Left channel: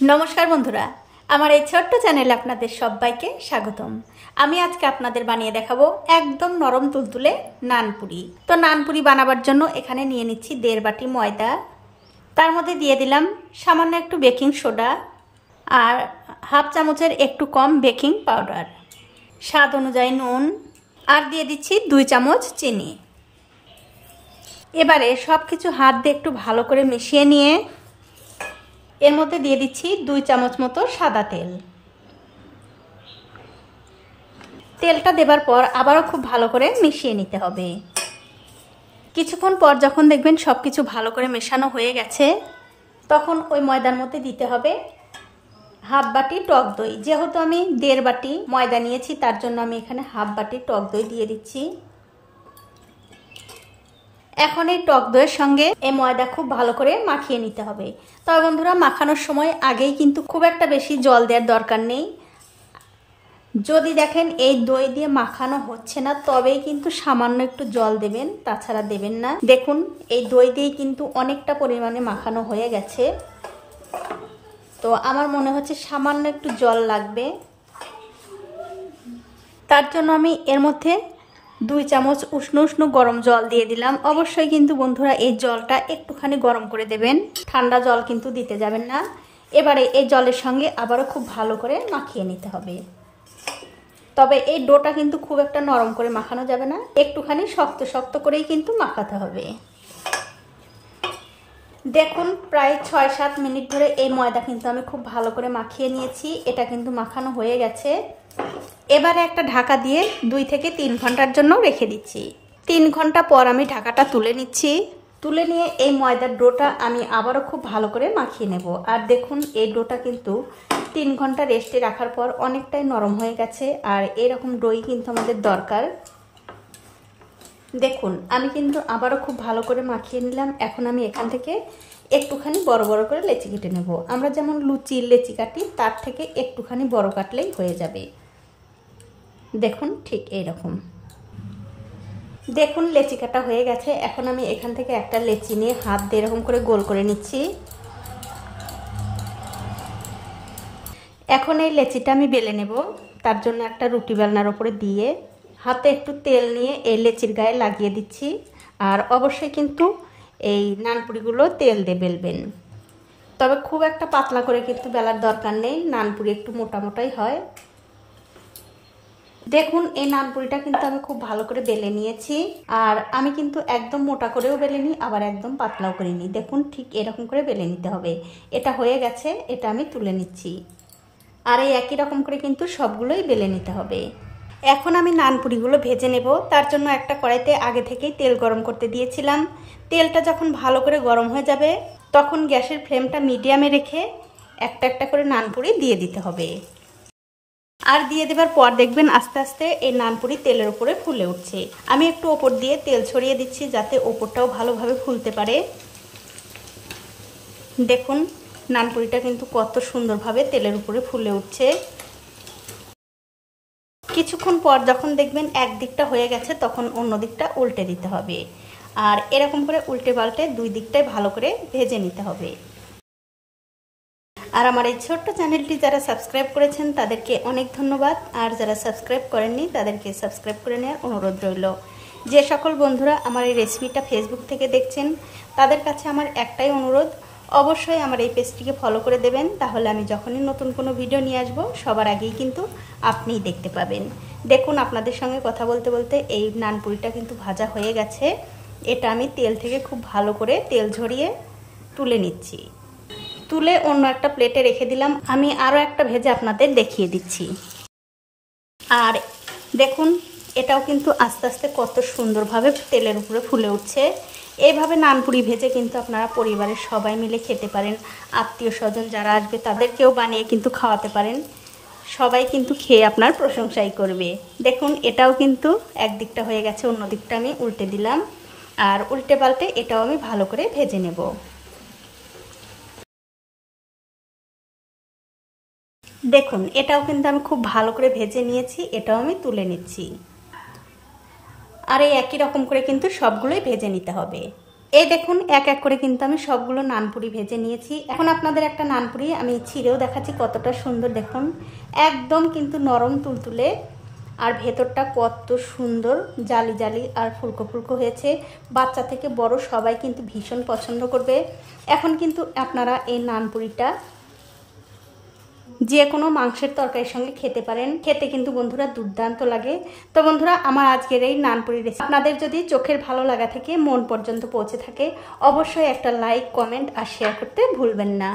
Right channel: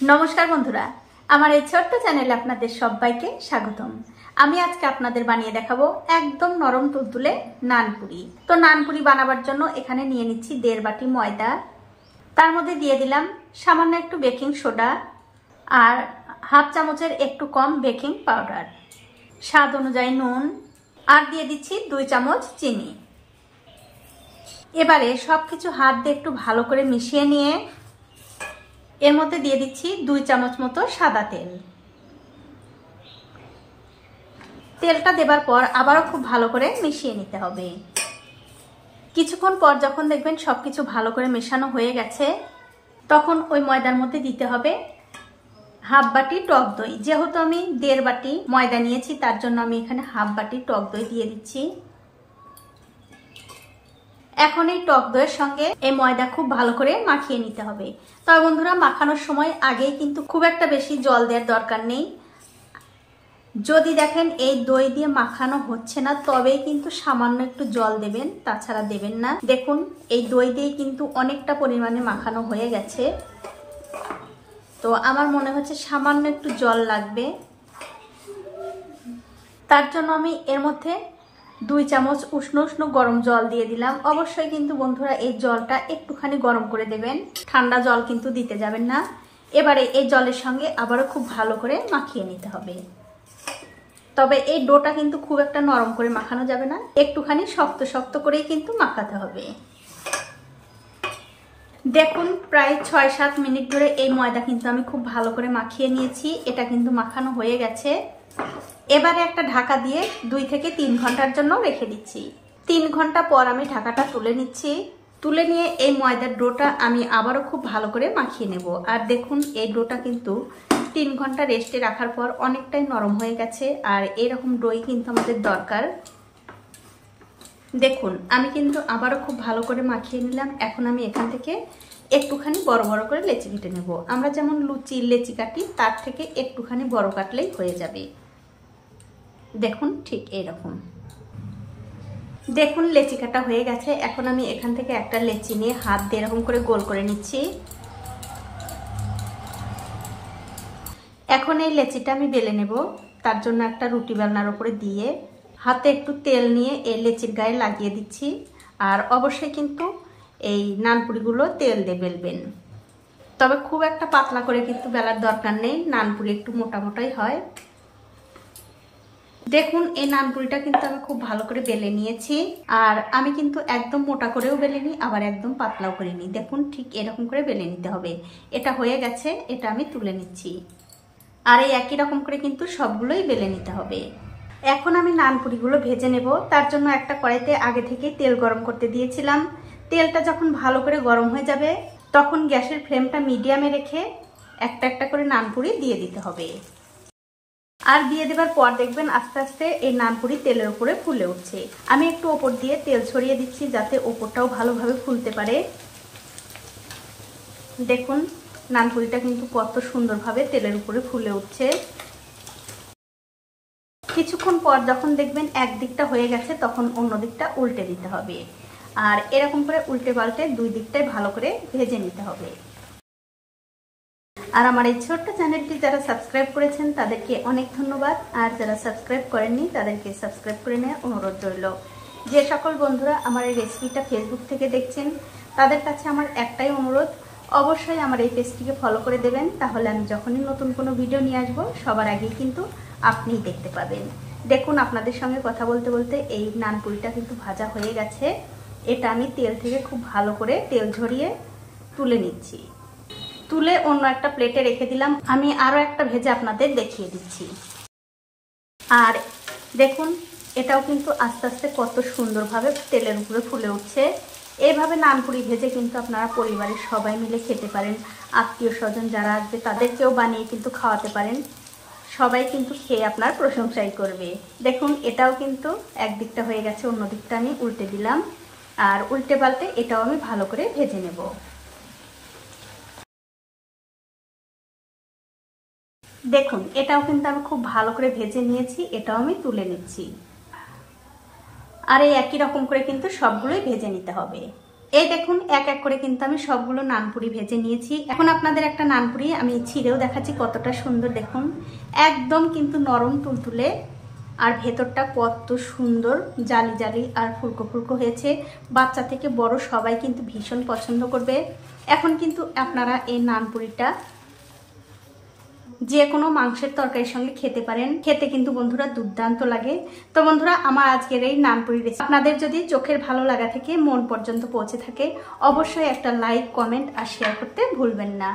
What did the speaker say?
নমস্কার বন্ধুরা, আমার এই ছোট্ট চ্যানেলে আপনাদের সবাইকে স্বাগতম। আমি আজকে আপনাদের বানিয়ে দেখাবো একদম নরম তুলতুলে নানপুরি। তো নানপুরি বানাবার জন্য এখানে নিয়ে নিচ্ছি 1.5 বাটি ময়দা, তার মধ্যে দিয়ে দিলাম সামান্য একটু বেকিং সোডা আর হাফ চামচের একটু কম বেকিং পাউডার, স্বাদ অনুযায়ী নুন আর দিয়ে দিচ্ছি 2 চামচ চিনি। এবারে সবকিছু হাত দিয়ে একটু ভালো করে মিশিয়ে নিয়ে এর মধ্যে দিয়ে দিচ্ছি 2 চামচ মতো সাদা তেল। তেলটা দেবার পর আবারও খুব ভালো করে মিশিয়ে নিতে হবে। কিছুক্ষণ পর যখন দেখবেন সবকিছু ভালো করে মেশানো হয়ে গেছে, তখন ওই ময়দার মধ্যে দিতে হবে হাফ বাটি টক দই। যেহেতু আমি 1.5 বাটি ময়দা নিয়েছি, তার জন্য আমি এখানে হাফ বাটি টক দই দিয়ে দিচ্ছি। এখন এই টক দইয়ের সঙ্গে এই ময়দা খুব ভালো করে মাখিয়ে নিতে হবে। তবে বন্ধুরা, মাখানোর সময় আগেই কিন্তু খুব একটা বেশি জল দেওয়ার দরকার নেই। যদি দেখেন এই দই দিয়ে মাখানো হচ্ছে না, তবেই কিন্তু সামান্য একটু জল দেবেন, তাছাড়া দেবেন না। দেখুন, এই দই দিয়ে কিন্তু অনেকটা পরিমাণে মাখানো হয়ে গেছে, তো আমার মনে হচ্ছে সামান্য একটু জল লাগবে। তার জন্য আমি এর মধ্যে 2 চামচ উষ্ণ উষ্ণ গরম জল দিয়ে দিলাম। অবশ্যই কিন্তু বন্ধুরা এই জলটা একটুখানি গরম করে দেবেন, ঠান্ডা জল কিন্তু দিতে যাবেন না। এবারে এই জলের সঙ্গে আবারও খুব ভালো করে মাখিয়ে নিতে হবে। তবে এই ডোটা কিন্তু খুব একটা নরম করে মাখানো যাবে না, একটুখানি শক্ত শক্ত করেই কিন্তু মাখাতে হবে। দেখুন, প্রায় 6-7 মিনিট ধরে এই ময়দা কিন্তু আমি খুব ভালো করে মাখিয়ে নিয়েছি। এটা কিন্তু মাখানো হয়ে গেছে। এবারে একটা ঢাকা দিয়ে 2 থেকে 3 ঘন্টার জন্য রেখে দিচ্ছি। 3 ঘন্টা পর আমি ঢাকাটা তুলে নিচ্ছি। তুলে নিয়ে এই ময়দার ডোটা আমি আবারও খুব ভালো করে মাখিয়ে নেব। আর দেখুন, এই ডোটা কিন্তু 3 ঘন্টা রেস্টে রাখার পর অনেকটাই নরম হয়ে গেছে। আর এরকম ডোই কিন্তু আমাদের দরকার। দেখুন, আমি কিন্তু আবারও খুব ভালো করে মাখিয়ে নিলাম। এখন আমি এখান থেকে একটুখানি বড় বড় করে লেচি কেটে নেব। আমরা যেমন লুচির লেচি কাটি, তার থেকে একটুখানি বড় কাটলেই হয়ে যাবে। দেখুন, ঠিক এইরকম। দেখুন, লেচি কাটা হয়ে গেছে। এখন আমি এখান থেকে একটা লেচি নিয়ে হাত দিয়ে এরকম করে গোল করে নিচ্ছি। এখন এই লেচিটা আমি বেলে নেব। তার জন্য একটা রুটি বেলনার উপরে দিয়ে হাতে একটু তেল নিয়ে এই লেচির গায়ে লাগিয়ে দিচ্ছি। আর অবশ্যই কিন্তু এই নানপুরিগুলো তেল দিয়ে বেলবেন। তবে খুব একটা পাতলা করে কিন্তু বেলার দরকার নেই, নানপুরি একটু মোটা মোটাই হয়। দেখুন, এই নানপুরিটা কিন্তু আমি খুব ভালো করে বেলে নিয়েছি। আর আমি কিন্তু একদম মোটা করেও বেলে নিই, আবার একদম পাতলাও করে নিই। দেখুন, ঠিক এরকম করে বেলে নিতে হবে। এটা হয়ে গেছে, এটা আমি তুলে নিচ্ছি। আর এই একই রকম করে কিন্তু সবগুলোই বেলে নিতে হবে। এখন আমি নানপুরিগুলো ভেজে নেব। তার জন্য একটা কড়াইতে আগে থেকেই তেল গরম করতে দিয়েছিলাম। তেলটা যখন ভালো করে গরম হয়ে যাবে, তখন গ্যাসের ফ্লেমটা মিডিয়ামে রেখে একটা একটা করে নানপুরি দিয়ে দিতে হবে। আর দিয়ে দেবার পর দেখবেন আস্তে আস্তে এই নানপুরি তেলের উপরে ফুলে উঠছে। আমি একটু ওপর দিয়ে তেল ছড়িয়ে দিচ্ছি, যাতে ওপরটাও ভালোভাবে ফুলতে পারে। দেখুন, নানপুরিটা কিন্তু কত সুন্দরভাবে তেলের উপরে ফুলে উঠছে। কিছুক্ষণ পর যখন দেখবেন এক দিকটা হয়ে গেছে, তখন অন্য দিকটা উল্টে দিতে হবে। আর এরকম করে উল্টে পাল্টে 2 দিকটাই ভালো করে ভেজে নিতে হবে। আর আমার এই ছোট্ট চ্যানেলটি যারা সাবস্ক্রাইব করেছেন তাদেরকে অনেক ধন্যবাদ। আর যারা সাবস্ক্রাইব করেননি তাদেরকে সাবস্ক্রাইব করে নেওয়ার অনুরোধ রইল। যে সকল বন্ধুরা আমার এই রেসিপিটা ফেসবুক থেকে দেখছেন, তাদের কাছে আমার একটাই অনুরোধ, অবশ্যই আমার এই পেজটিকে ফলো করে দেবেন। তাহলে আমি যখনই নতুন কোনো ভিডিও নিয়ে আসবো, সবার আগেই কিন্তু আপনিই দেখতে পাবেন। দেখুন, আপনাদের সঙ্গে কথা বলতে বলতে এই নানপুরিটা কিন্তু ভাজা হয়ে গেছে। এটা আমি তেল থেকে খুব ভালো করে তেল ঝরিয়ে তুলে নিচ্ছি। তুলে অন্য একটা প্লেটে রেখে দিলাম। আমি আরও একটা ভেজে আপনাদের দেখিয়ে দিচ্ছি। আর দেখুন, এটাও কিন্তু আস্তে আস্তে কত সুন্দরভাবে তেলের উপরে ফুলে উঠছে। এইভাবে নানপুরি ভেজে কিন্তু আপনারা পরিবারের সবাই মিলে খেতে পারেন। আত্মীয় স্বজন যারা আসবে তাদেরকেও বানিয়ে কিন্তু খাওয়াতে পারেন। সবাই কিন্তু খেয়ে আপনার প্রশংসাই করবে। দেখুন, এটাও কিন্তু একদিকটা হয়ে গেছে, অন্য দিকটা আমি উল্টে দিলাম। আর উল্টে পাল্টে এটাও আমি ভালো করে ভেজে নেব। দেখুন, এটাও কিন্তু আমি খুব ভালো করে ভেজে নিয়েছি। এটাও আমি তুলে নিচ্ছি। আর এই একই রকম করে কিন্তু সবগুলোই ভেজে নিতে হবে। এই দেখুন এক এক করে কিন্তু আমি সবগুলো নানপুরি ভেজে নিয়েছি। এখন আপনাদের একটা নানপুরি আমি ছিঁড়েও দেখাচ্ছি কতটা সুন্দর। দেখুন একদম কিন্তু নরম তুলতুলে, আর ভেতরটা কত সুন্দর জালি জালি আর ফুলকো ফুলকো হয়েছে। বাচ্চা থেকে বড় সবাই কিন্তু ভীষণ পছন্দ করবে। এখন কিন্তু আপনারা এই নানপুরিটা যে কোনো মাংসের তরকারির সঙ্গে খেতে পারেন, খেতে কিন্তু বন্ধুরা দুর্দান্ত লাগে। তো বন্ধুরা আমার আজকের এই নানপুরি রেসিপি আপনাদের যদি চোখের ভালো লাগা থেকে মন পর্যন্ত পৌঁছে থাকে, অবশ্যই একটা লাইক, কমেন্ট আর শেয়ার করতে ভুলবেন না।